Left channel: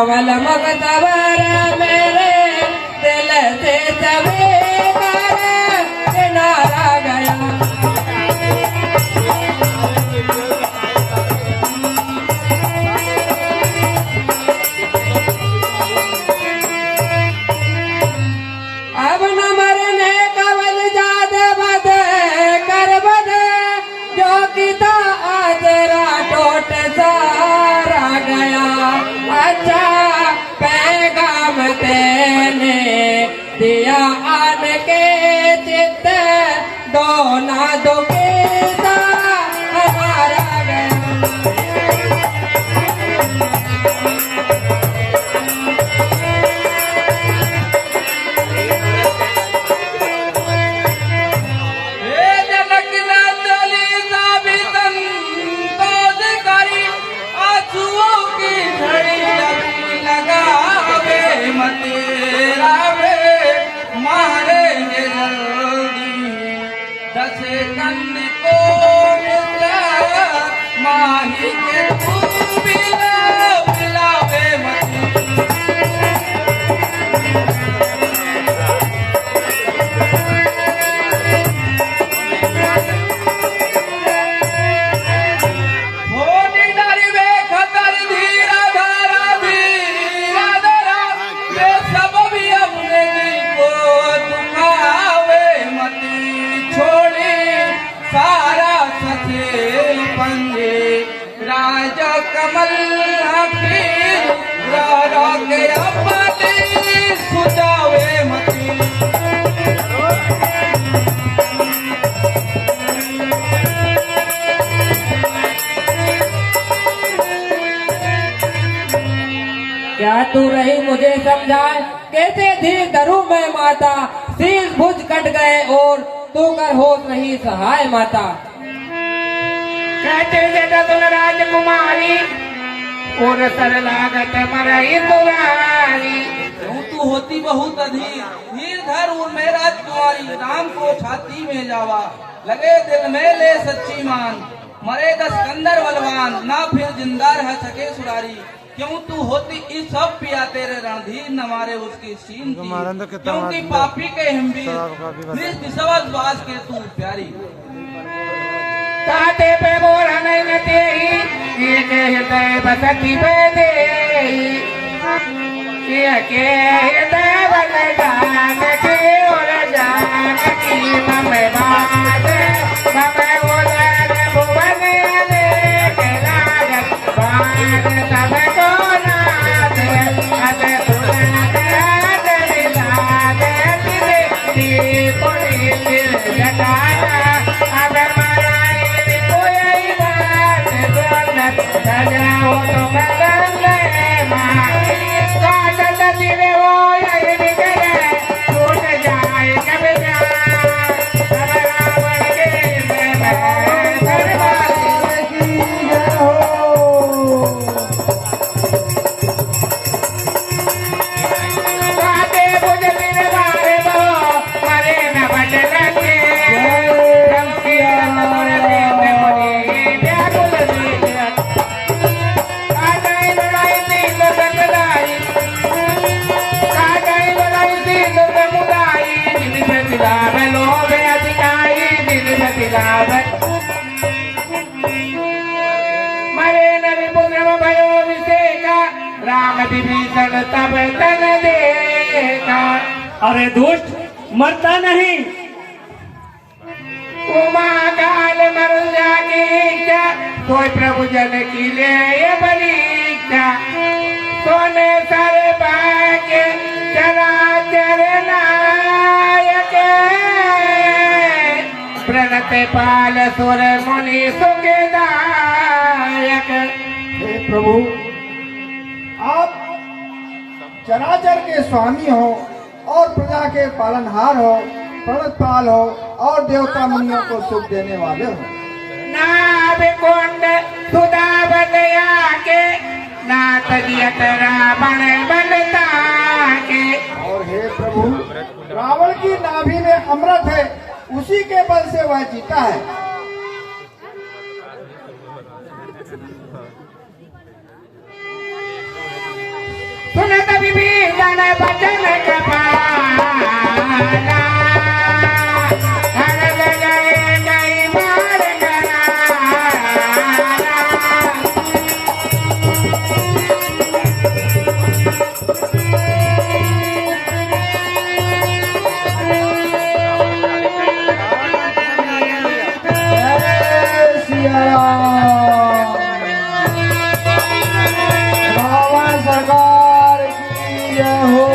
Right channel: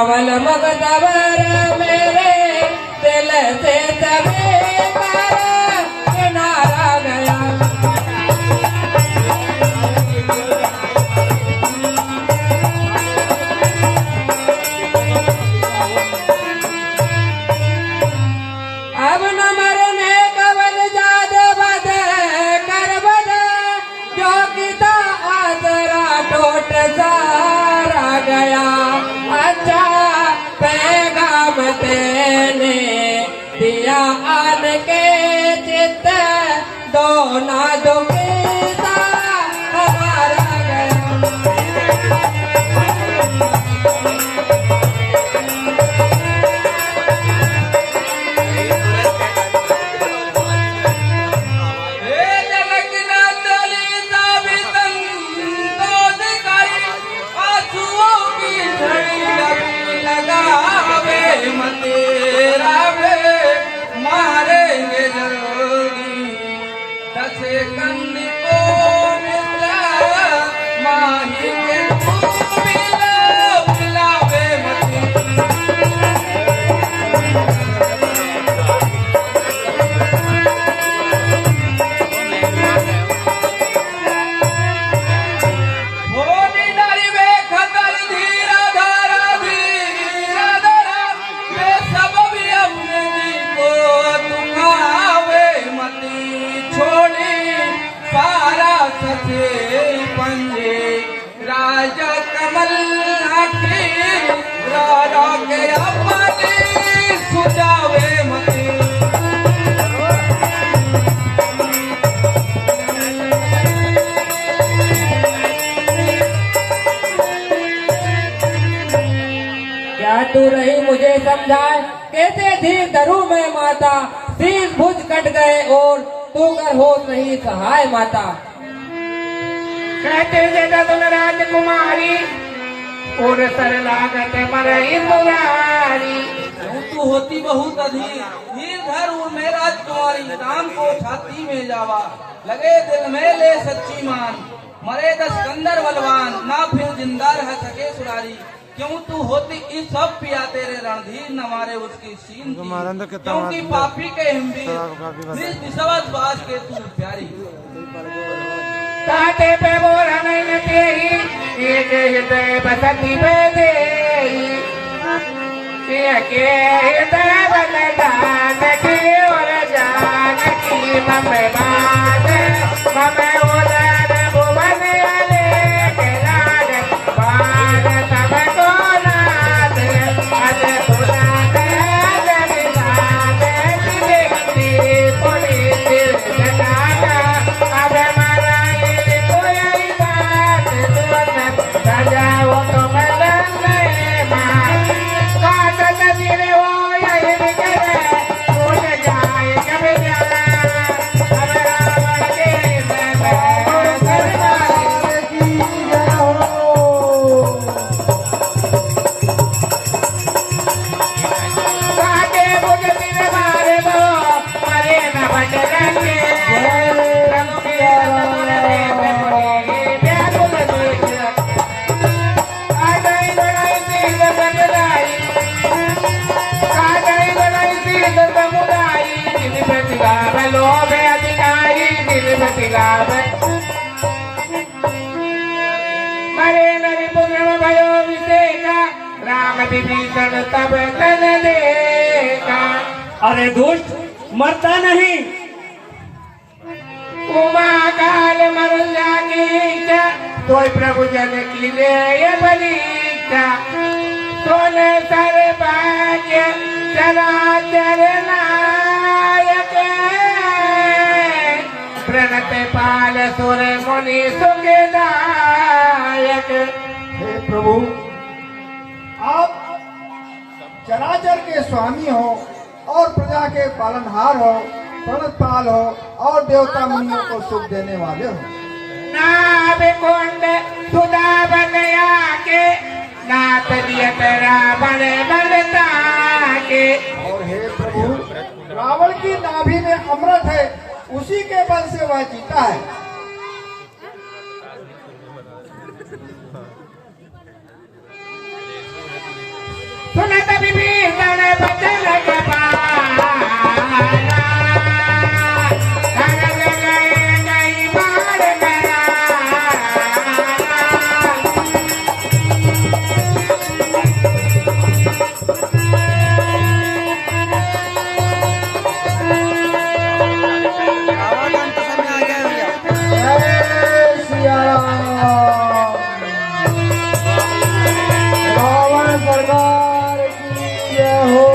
कमल मुख सवर मेरे दिल से सवे किनारा गया। अब न मरने कवल जाद बद कर बद जो कि था तेरा टोट सारा गया। अच्छा पैगाम तेने दिया आन के चित्त दो ना दो के हमारा गया। तेरा मारे जल्दी दसे कंद को माही के मिलावे मते। राजा कमल आखी रारा के अपने सुजावे मते। क्या तू रही मुझे समझाए कैसे धीर धरू मैं माता। शीश भुज कट गए और तू कर होश नहीं सहाय माता। कहते जगत राजकुमारी और सर लागत मरई दुरारी। तू होती बहुत अधीर धीर धर उर मेरा तुम्हारी राम को छाती में जावा लगे दिल में ले सच्ची मान। मरे दस कंदर बलवान ना फिर जिंदा रह सके सुरारी। क्यों तू होती इस सब पिया तेरे रणधीर न मारे उसकी सीन क्योंकि पापी के हिंदी बाज के तू प्यारी। ताते पे बोरा नहीं नते ही एक हृदय बसती पे दे के हृदय बलिदान की और जान की मम बात मम उदार भुवन आले के लागत बात सब को नाथ अज पुराण अज विदान तिरे पुरी दिल जगाना सजाओ तो बदल गए माँ काटत दिले वो यही बिगड़े टूट जाए कभी अब रावण के काटे बुझ दिले बारे बो मरे न बदलेंगे मरे नरी पुत्र भयो विषेका राम विभीषण तब तन देखा। अरे दुष्ट मरता नहीं। उमा काल मर जाके इच्छा कोई प्रभु जन की ले ये परीक्षा। सोने सर बाके चला चरे नायक प्रणत पाल सुर मुनि सुखदायक। हे प्रभु आप चराचर के स्वामी हो और प्रजा के पालनहार हो प्रणतपाल हो और देवता मुनियों को सुख देने वाले हो। नाभ कुंड सुधा बनया के नाथ दियत रावण बनता के। और हे प्रभु रावण की नाभि में अमृत है उसी के बल से वह जीता है। भरत विभीषण बचन कृपाला भरत गए नहीं मार गया जय सिया राम। रावण सरकार की जय हो।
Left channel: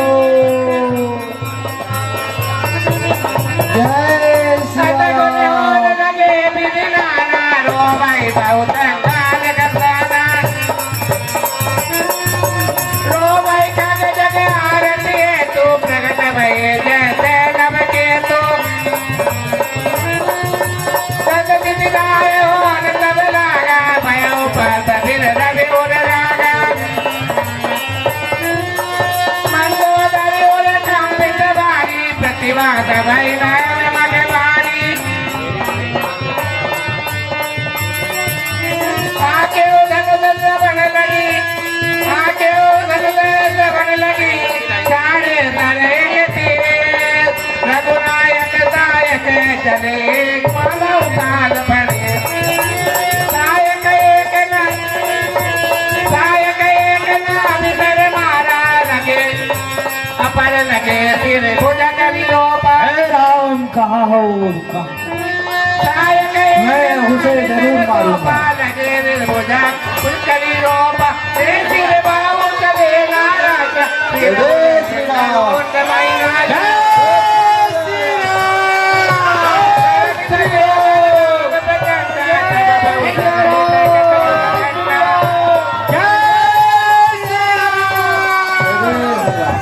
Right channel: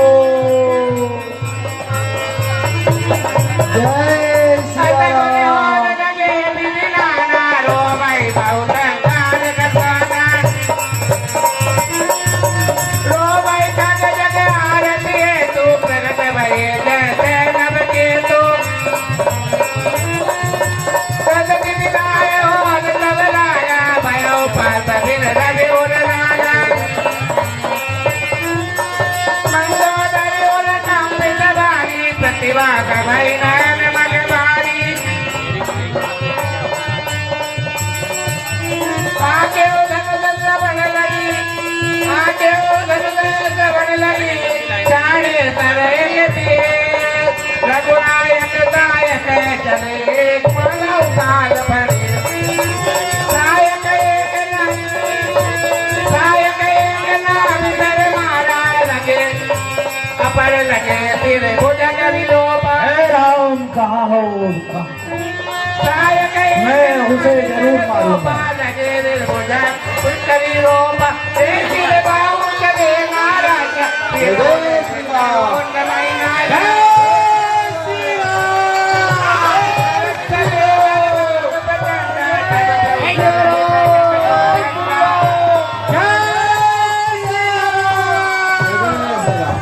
जय सिया राम। लगे बिना रो भाई बहुत रो भाई काग जग आरती है तू प्रगट भय जैसे नभ के तू प्रगति दिलाए हो तब लाया भयो पात फिर रवि उर राजा मंदोदरी उर कांपित बारी प्रतिभा भई नयन मन बारी आके उधर बन लगी आके उधर बन लगी जाने करे रघुनायक दायक चले मानव काल बने नायक एक नाम कर मारा लगे अपर लगे सिर भुजंग विलोपा हे राम कहाँ हो कहाँ? नायक मैं उसे जरूर मारूंगा। लगे भुजंग करी रोपा सिर बाबू चले नाराज जय श्री राम।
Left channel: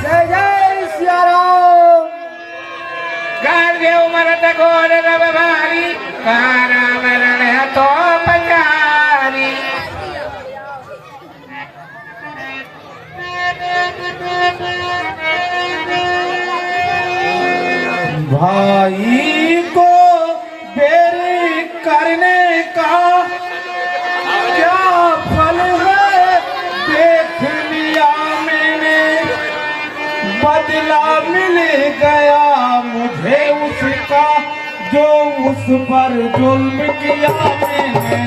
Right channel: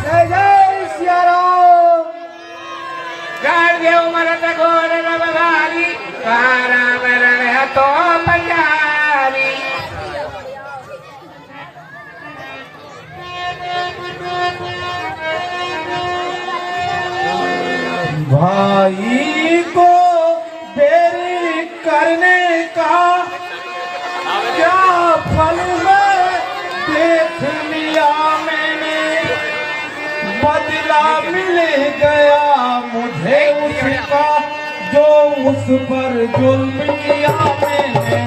जय जय सिया राम। देव मरत घोर रव भारी कहाँ राम रण है तो पंजारी भाई को देरी करने का क्या फल है देख लिया मैंने बदला मिल गया मुझे उसका जो उस पर जुल्म किया मैंने।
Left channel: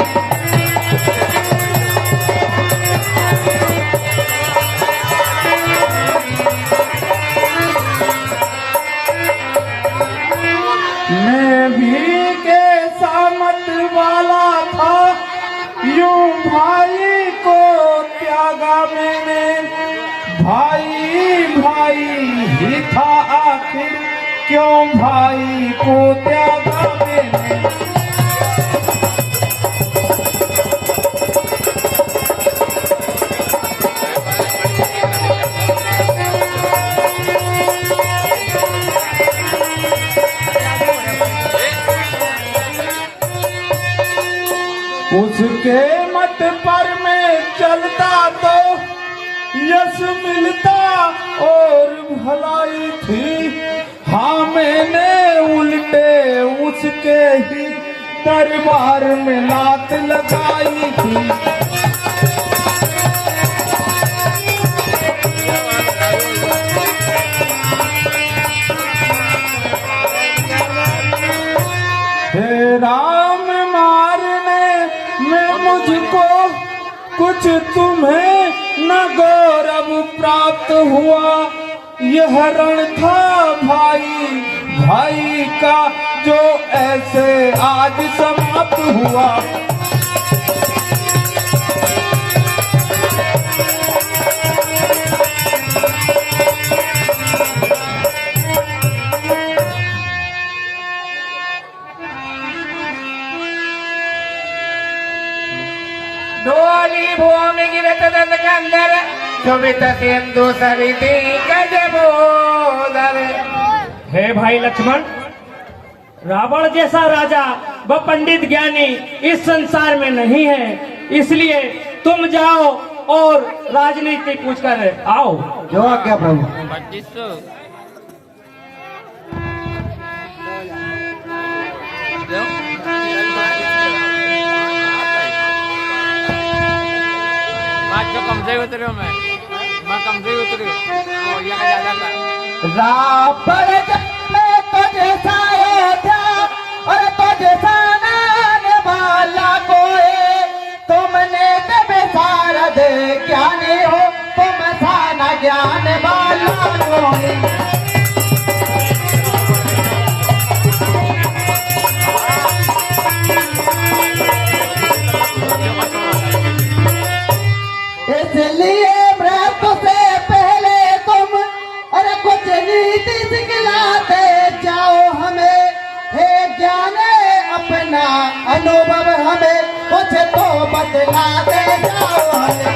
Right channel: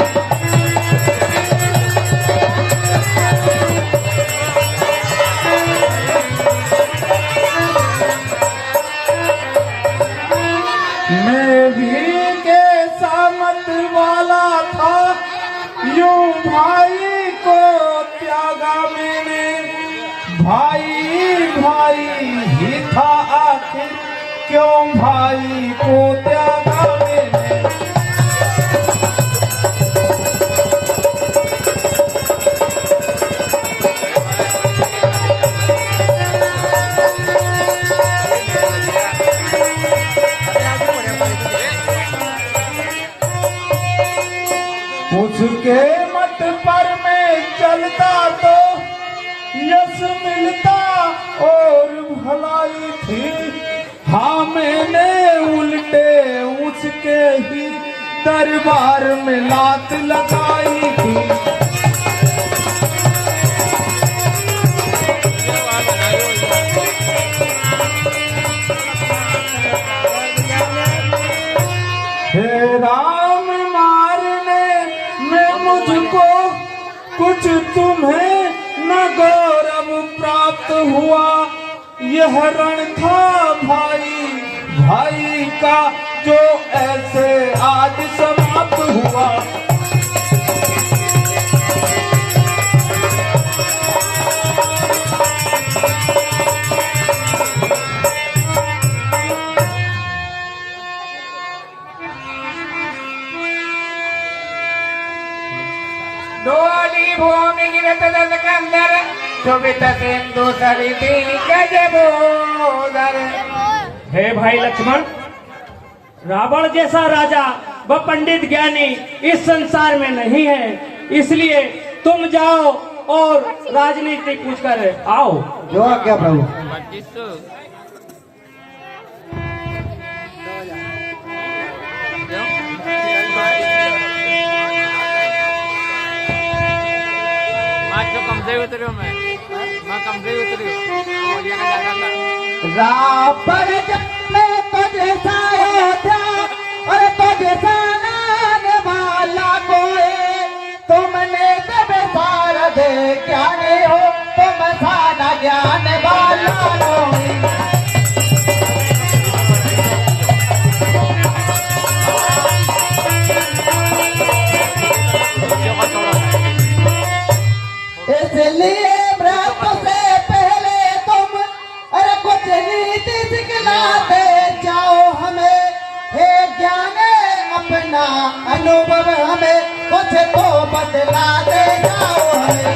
मैं भी कैसा मत वाला था यूं भाई को त्यागा मैंने भाई भाई ही था आखिर क्यों भाई को त्यागा मैंने। उसके मत पर मैं चलता तो यश मिलता और भलाई थी। हाँ मैंने उल्टे उसके ही दरबार में लात लगाई थी। हे राम मारने में मुझको कुछ तुम्हें न गौरव प्राप्त हुआ। यह रण था भाई भाई का जो ऐसे आज समाप्त हुआ। डोली भूमि गिरत दंदकंदर शोभित सिंधु सरिते गजबोदर। हे भाई लक्ष्मण, रावण जैसा राजा व पंडित ज्ञानी इस संसार में नहीं है, इसलिए तुम जाओ और राजनीति पूछ कर आओ। जो आज्ञा प्रभु। कम से रावण में तुझे साया था और तुझे साना वाला कोई तुमने बेसार दे ज्ञान हो तुम साना ज्ञान वाला कोई इसलिए व्रत से पहले तुम अरे कुछ नीति सिखलाते जाओ हमें हे ज्ञान अपना अनुभव हमें कुछ तो बतलाते जाओ हमें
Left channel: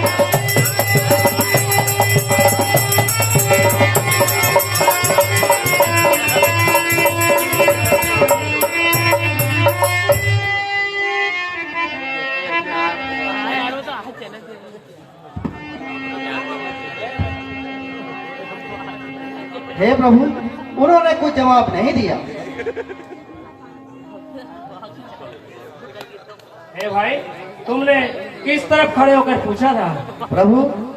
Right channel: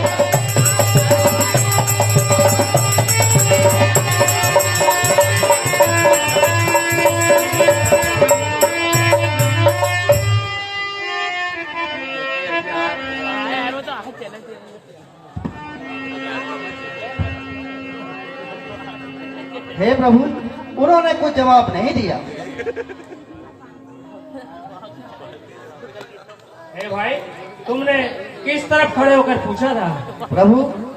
हे प्रभु उन्होंने कुछ जवाब नहीं दिया। हे भाई, तुमने किस तरफ खड़े होकर पूछा था? प्रभु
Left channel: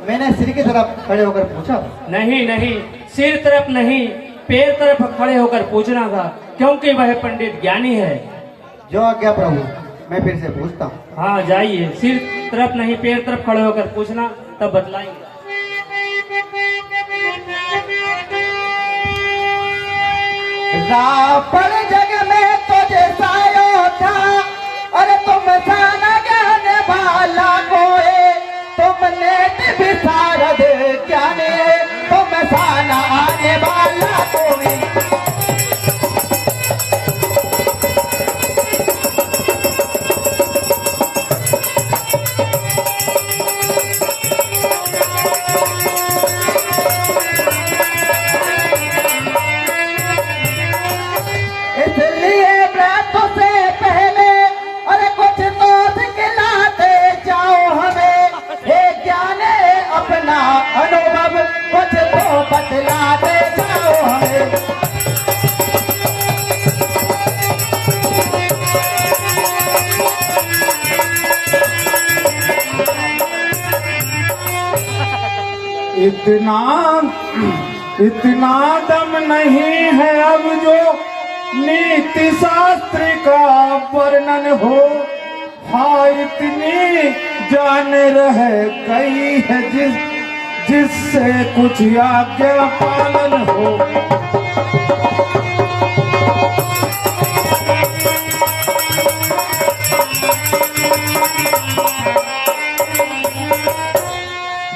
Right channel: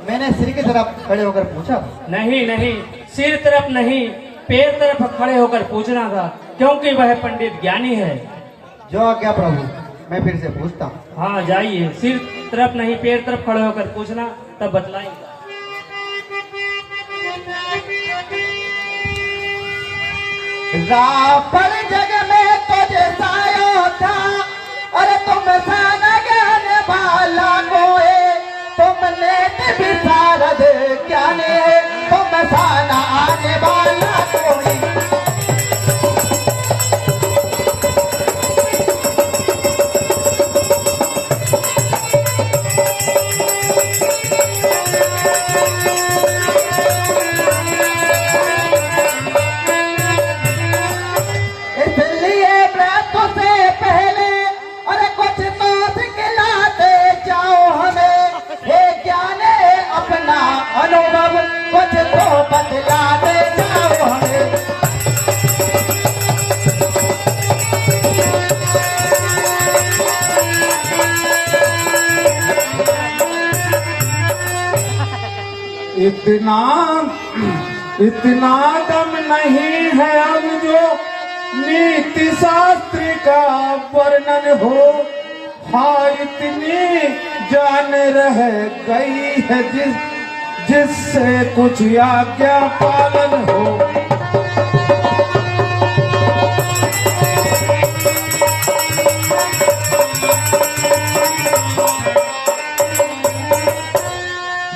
मैंने सिर की तरफ खड़े होकर पूछा। नहीं नहीं, सिर तरफ नहीं, पैर तरफ खड़े होकर पूछना था, क्योंकि वह पंडित ज्ञानी है। जो आज्ञा प्रभु, मैं फिर से पूछता हूँ। हाँ जाइए, सिर तरफ नहीं पैर तरफ खड़े होकर पूछना, तब बतलाएंगे। रावण जग में तुझे सायो था और तुम साना ज्ञान वाला कोई तुमने विचार दे ज्ञान तुम साना आने वाला कोई अनुभव कुछ तो बतलाते जाओ हमें। इतना दम नहीं है अब जो नीति शास्त्र का वर्णन हो। हाँ इतनी जान रह गई है जिससे कुछ आज्ञा पालन हो।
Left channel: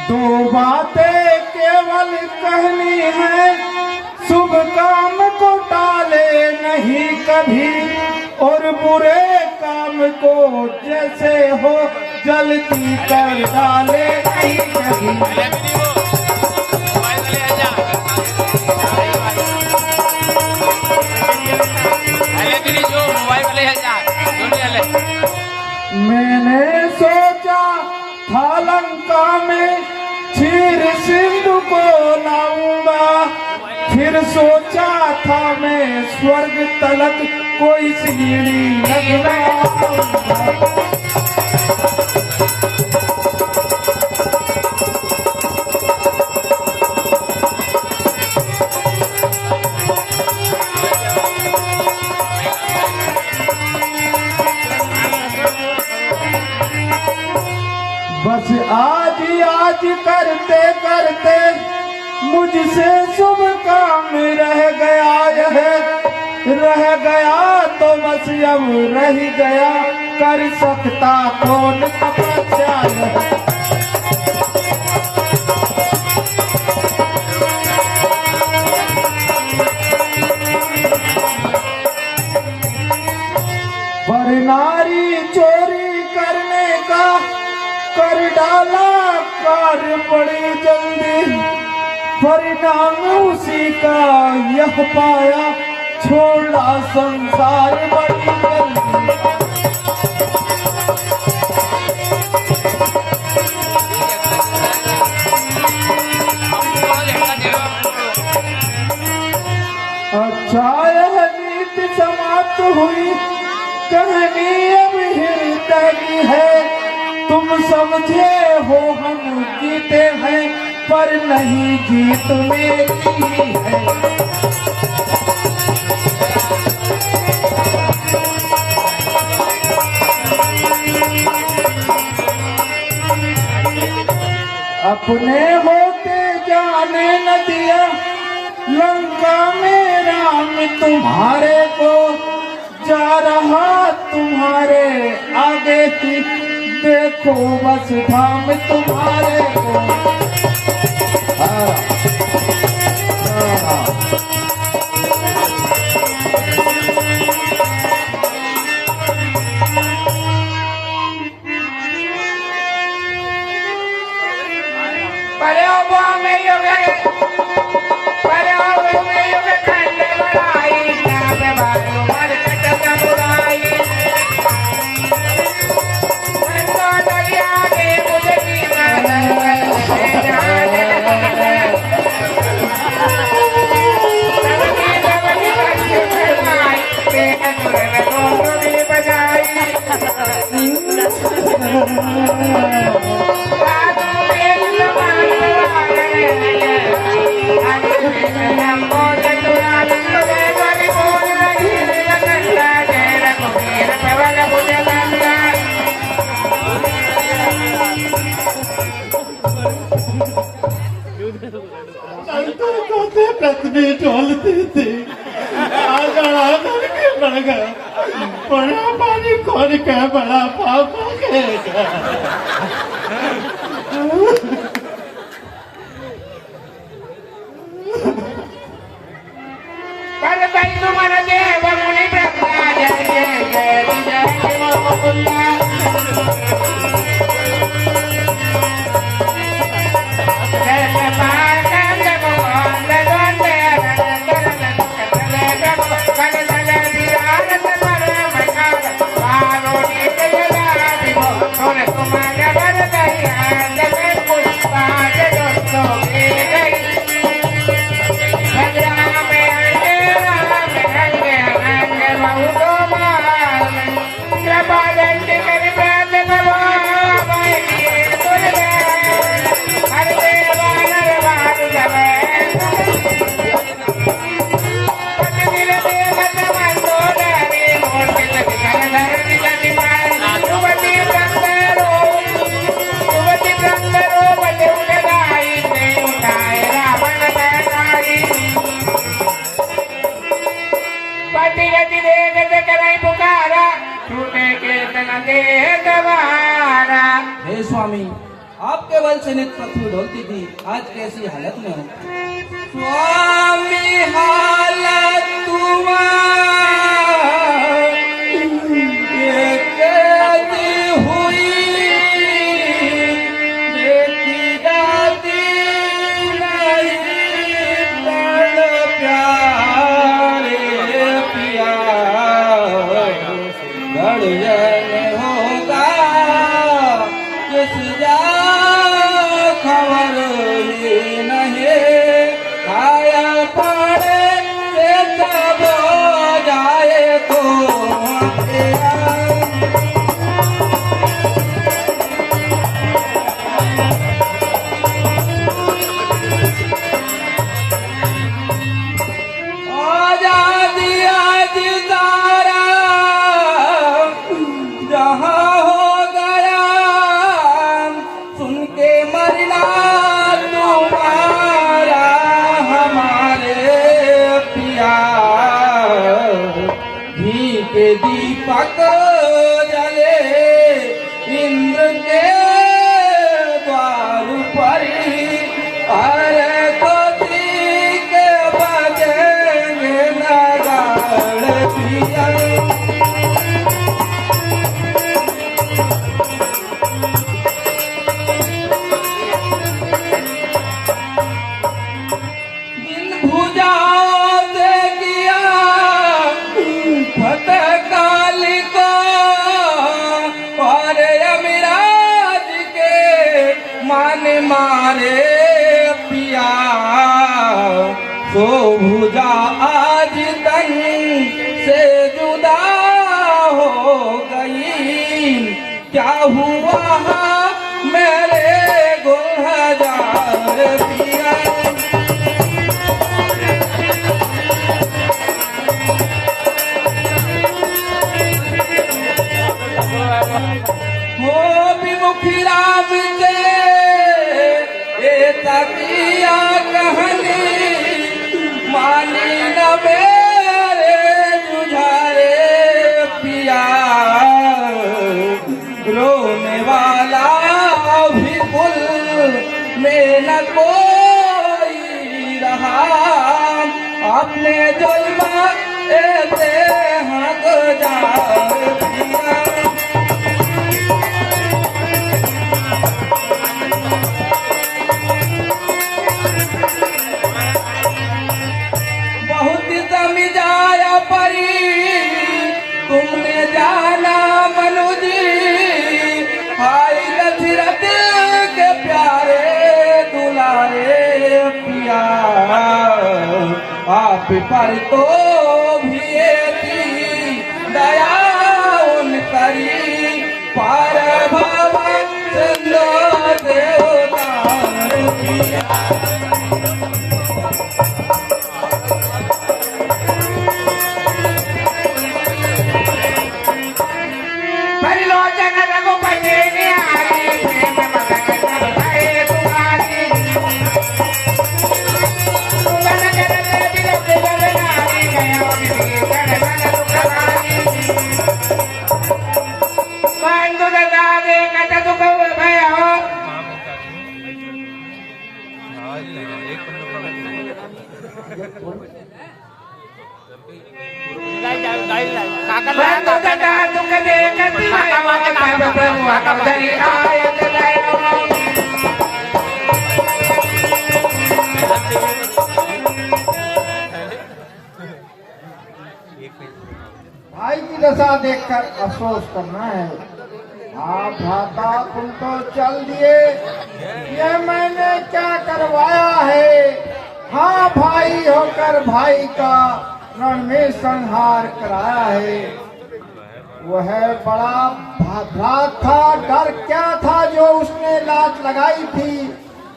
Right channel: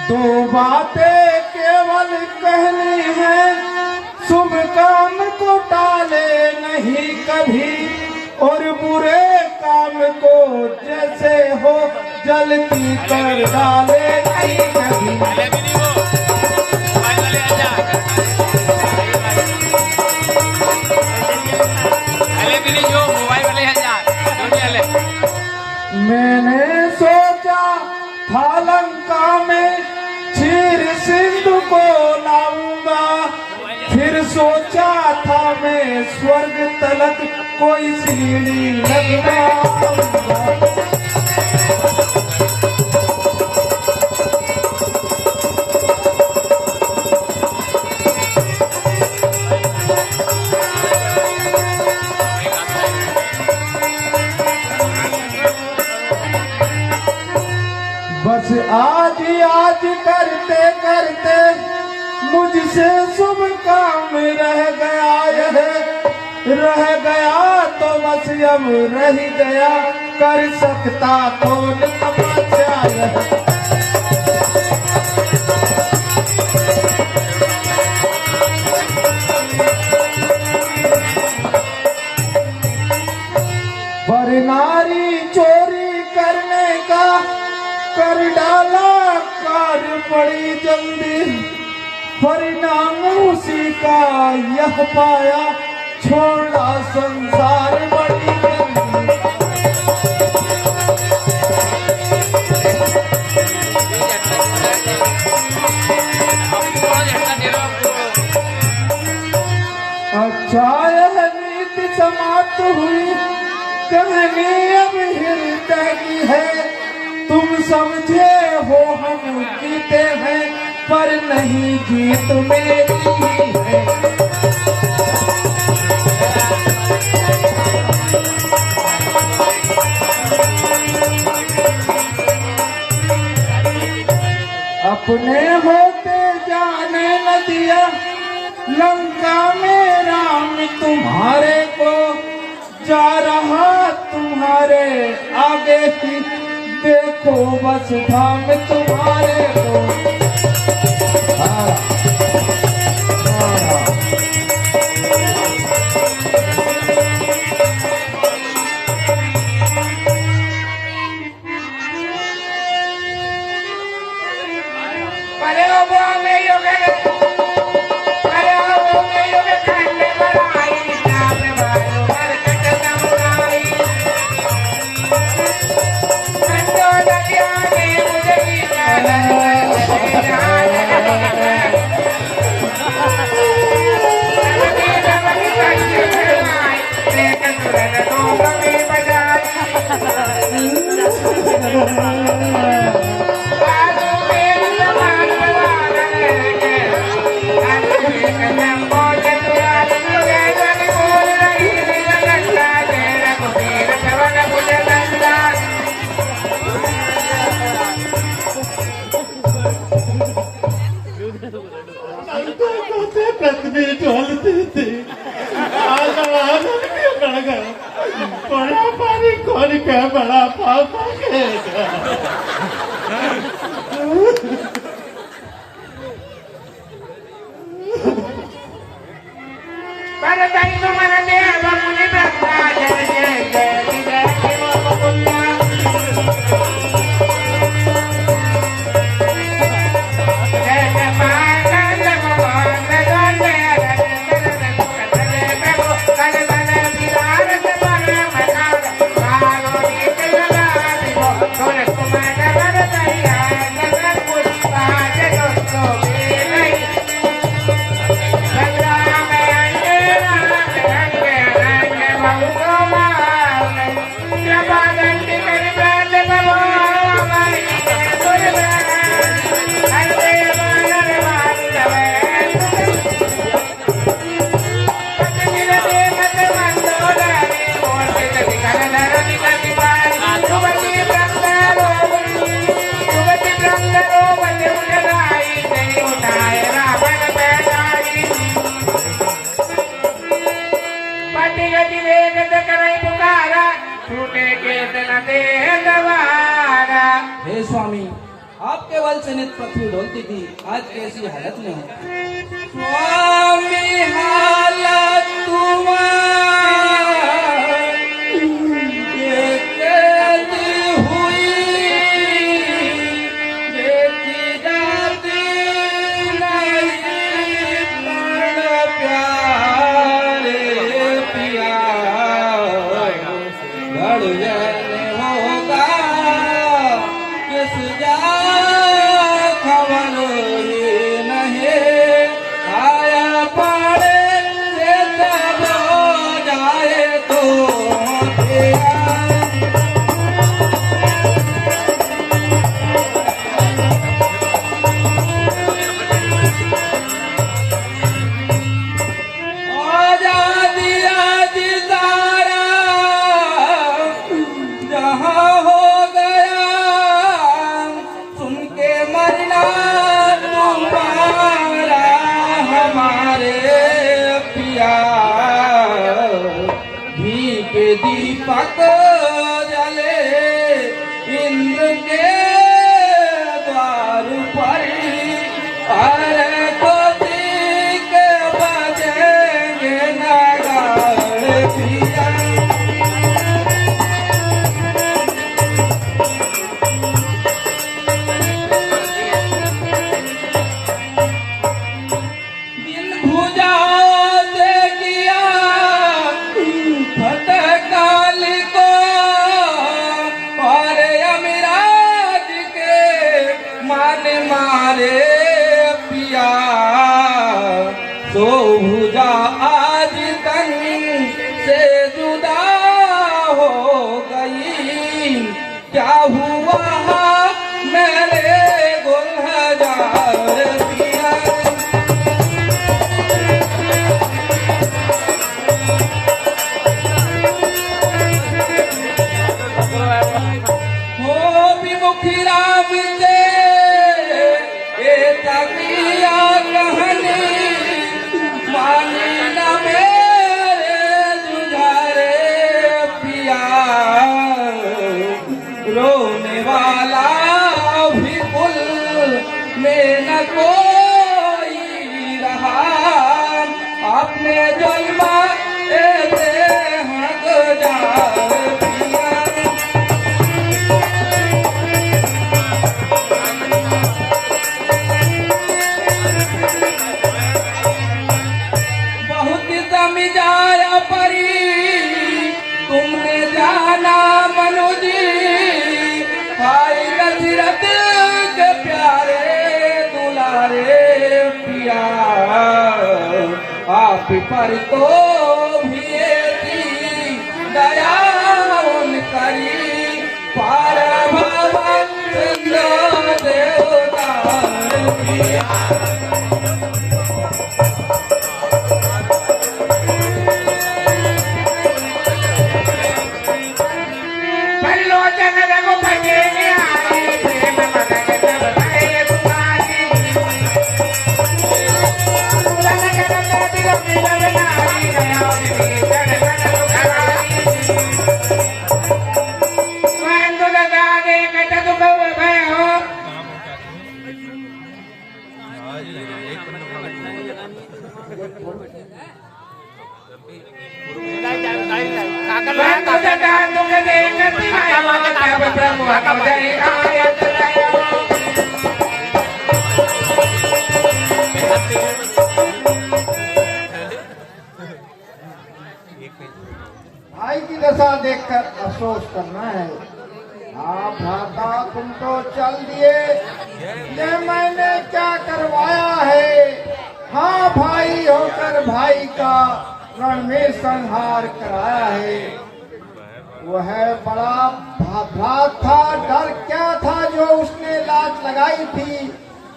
दो बातें केवल कहनी है, शुभ काम को टाले नहीं कभी और बुरे काम को जैसे हो जल्दी कर डाले नहीं कभी। मैंने सोचा था लंका में क्षीर सिंधु को लाऊंगा, फिर सोचा था मैं स्वर्ग तलक कोई सीढ़ी लगवाऊंगा। बस आज करते करते मुझसे शुभ काम रह गया तो बस अब रह गया, कर सकता कौन तपस्या है। पर नारी चोरी करने का कर डाला कार्य बड़ी जल्दी, परिणाम उसी का यह पाया, छोड़ा संसार बड़ी जल्दी। अच्छा यह नीति समाप्त हुई, कहानी अब हृदय की है। तुम समझे हो हम जीते हैं, पर नहीं जीत मेरी है। अपने होते जाने न दिया लंका में राम तुम्हारे को, जा रहा तुम्हारे आगे ही देखो बस धाम तुम्हारे को। हाँ, हाँ। पृथ्वी डोलती थी, बढ़ गया बड़ा पानी खोल के बड़ा पाप हे स्वामी, आपके बल से नित पृथ्वी ढोलती थी, आज कैसी हालत में हो। स्वामी हालत ये कैसी हुई, देखी जाती नहीं बड़ प्यारे पिया, गड़जन होगा किस जा खबर ये नहीं, आया पड़े से तब जाए तो आजादी आज तारा जहाँ हो गया, सुन के मरना तुम्हारा हमारे पिया, घी के दीपक जले इंद्र के द्वार पर, अरे तो के बजेंगे नगाड़े पिया। भुजाओं से किया फतेह काली को, और यमराज के मान मारे पिया, सो भुजा आज तन से जुदा हो गई, क्या हुआ मेरे गुलजार में न कोई रहा, अपने जुल्म ऐसे हद जाए पिया। बहुत समझाया परी तुमने जाना मनुजी, हाय दशरथ के प्यारे दुलारे पिया। आप पर तो भी थी दया उन करी, पार भवन देवता पिया। भाई की दशा देखकर अफसोस करना है। हाँ भ्राता तुम तो चल दिए, ये मैंने क्या करवाया है। हाँ भाई होकर भाई का रण में संहार कराया है। वह बड़ा भ्रात था, डर क्या था जो उसने लात लगाई थी,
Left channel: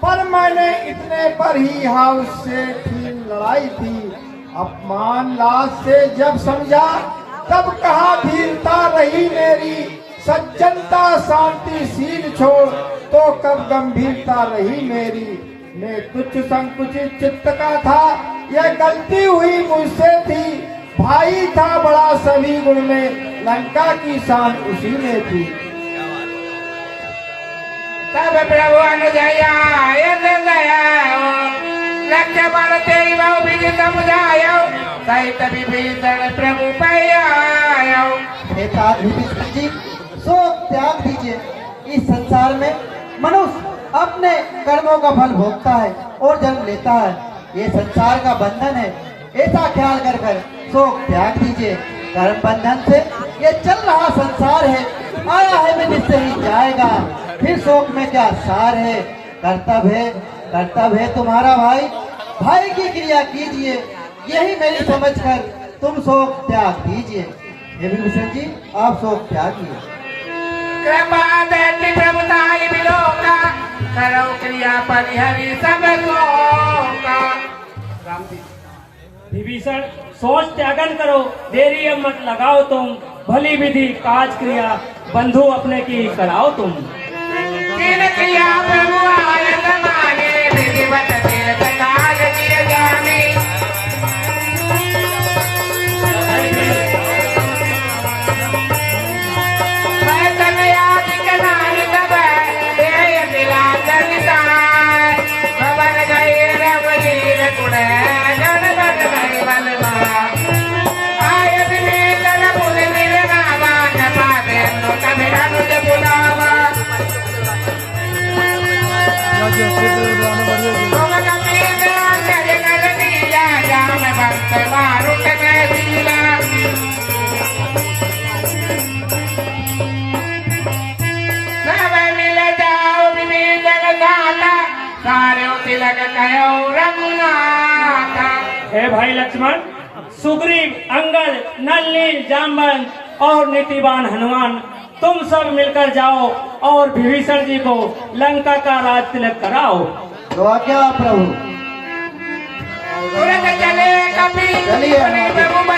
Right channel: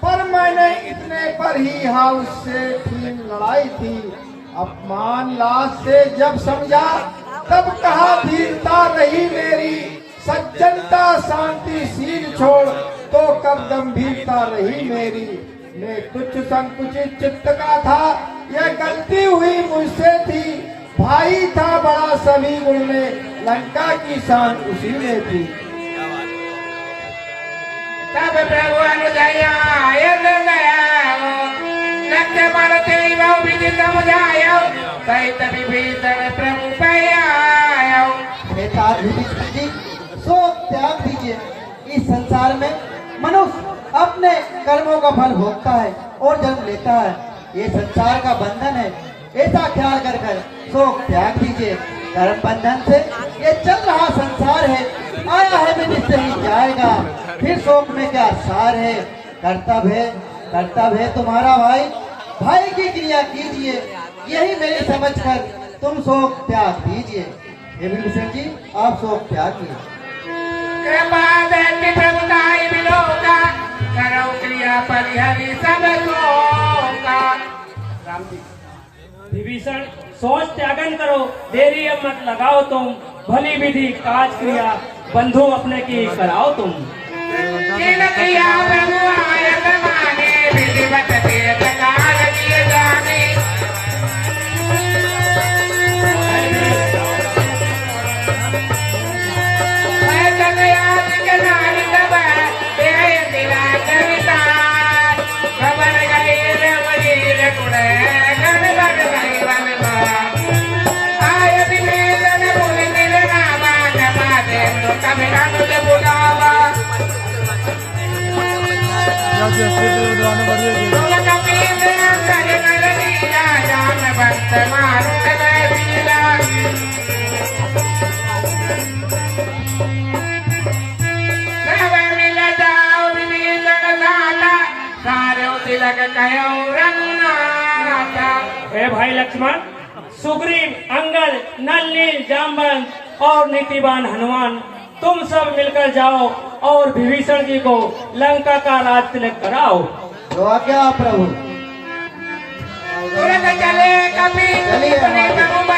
पर मैंने इतने पर ही हाँ उससे ठीक लड़ाई थी। अपमान लाश से जब समझा तब कहा धीरता रही मेरी, सज्जनता शांतिशील छोड़ तो कब गंभीरता रही मेरी। मैं तुच्छ संकुचित चित्त का था, यह गलती हुई मुझसे थी। भाई था बड़ा सभी गुण में, लंका की शान उसी में थी। तब प्रभु अनुजया लक्ष्मण तेरी भी समझायो, कई तभी भीतर प्रभु पायो। पिता युधिष्ठिर जी शोक त्याग दीजिए। इस संसार में मनुष्य अपने कर्मों का फल भोगता है और जन्म लेता है, ये संसार का बंधन है। ऐसा ख्याल कर कर शोक त्याग दीजिए। कर्म बंधन से ये चल रहा संसार है, आया है मैं निश्चय ही जाएगा, फिर शोक में क्या सार है। कर्तव्य है तुम्हारा भाई, भाई की क्रिया कीजिए, यही मेरी समझ कर तुम शोक त्याग दीजिए। हे विभीषण जी आप शोक त्याग कीजिए। कृपा दैत्य प्रभुताई विलोका, करो क्रिया परिहरि सब शोका। राम जी विभीषण सोच त्यागन करो, देरी मत लगाओ तुम, भली विधि काज क्रिया बंधु अपने की कराओ तुम। तीन क्रिया प्रभु आयत माने, विधिवत देव काल किए जाने। मैं तने आदि के नानी दबा, ये दिला कवितार। खबर गई रवलीर कुड़े, गण गण गण बलवा। आय विनीतन मुनि मिले रामा, जपा दे तो तमिला नुज बुलावा। तुम कपीले अंगद नल नीला, जान भक्त मारुत नय शीला। सब मिल जाओ विभीषण दाता, सारे तिलक कयो रघुनाथा। हे भाई लक्ष्मण, सुग्रीव, अंगद, नल, नील, जामवंत और नीतिवान हनुमान तुम सब मिलकर जाओ और विभीषण जी को लंका का राज तिलक कराओ। तो क्या प्रभु तुरंत चले कपी चलिए हमारे।